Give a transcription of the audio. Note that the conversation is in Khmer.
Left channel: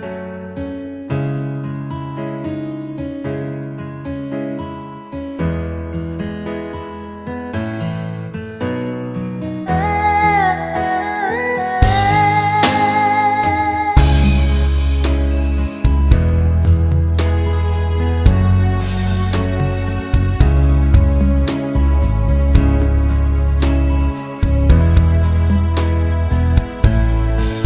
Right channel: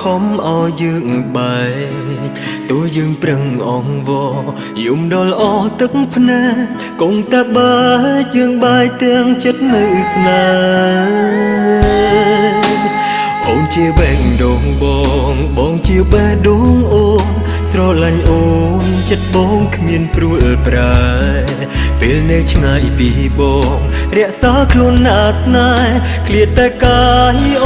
ខំឲ្យយើងបែកតួយើងប្រឹងអងវយំដល់អស់ទឹកភ្នែកគង់តែបើយើងបែកទាំងចិត្តនៅស្នេហ៍បងជាបេះដូងបងជាបេះដូងអូនស្រឡាញ់អូនចិត្តបងគ្មានព្រួលប្រែពេលនៅឆ្ងាយពីបងរក្សាខ្លួនណាស្នេហ៍ឃ្លាតតែកាយ